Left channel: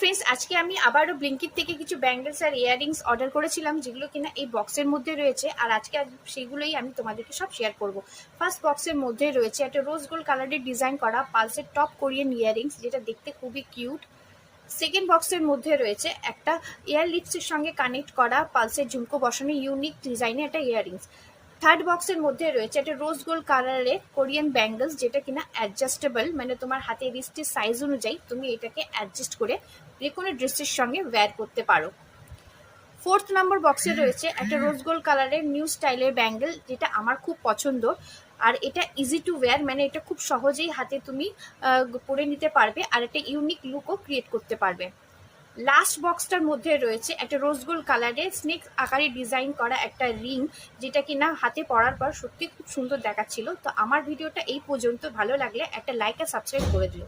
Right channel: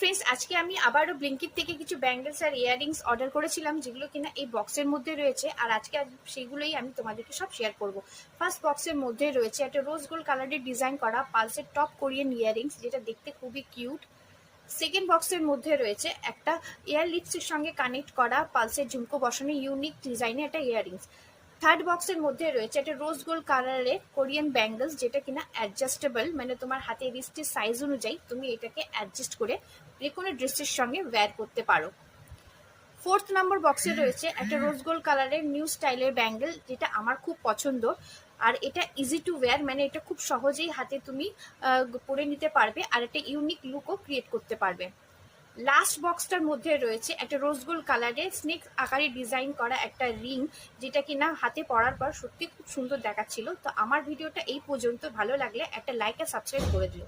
Friends, আজকে আমি আবারও ব্লিঙ্কিট থেকে কিছু ব্যাঙ্গলস আর ইয়াররিংস অর্ডার করেছিলাম, যেগুলো কিনা এই বক্সের মধ্যে রয়েছে। আর আজকে সেইগুলোই আমি তোমাদেরকে সব শেয়ার করব। ফার্স্ট বক্সের মধ্যে রয়েছে একটা রোজ গোল্ড কালারের ডিজাইন করা পালসের টপ কোরিয়ান ইয়াররিংস, যেটা দেখতে খুবই কিউট। সেকেন্ড বক্সের মধ্যে রয়েছে একটা ইয়ার লিপসের সঙ্গে কানেক্ট করা পালসের ঝুমকো বসানো ইউনিক ডিজাইনের একটা ইয়াররিংস। থার্ড বক্সের মধ্যে রয়েছে একটা রোজ গোল্ড কালারের কোরিয়ান ব্যাঙ্গলস, যেটা কিনা অ্যাডজাস্টেবল, মানে তোমার হাতের রিস্টের সাইজ অনুযায়ী তুমি এটাকে অ্যাডজাস্ট করে যে কোনো ড্রেসের সঙ্গে ওয়্যার করতে পারো। ফোর্থ নাম্বার বক্সে রয়েছে একটা রোজ গোল্ড কালারের নিউ স্টাইলের ব্যাঙ্গেল, যেটা আমার খুব পছন্দ। আর এটা ইজি টু ওয়্যার, মানে এটা খুব সহজেই হাতে তুমি পরে নিতে পারবে, আর একটা ইউনিক লুকও ক্রিয়েট করতে পারবে। লাস্ট বক্সটার মধ্যে রয়েছে একটা রোজ গোল্ড কালারের স্নেক আকারে ডিজাইন করা একটা রিং, যেটা কিনা হাতে পরার পর সত্যি খুব সুন্দর দেখাচ্ছিল। তো আমার ভিডিওটা এই পর্যন্ত, ভালো লাগলে একটা লাইক আর সাবস্ক্রাইব করে দিও।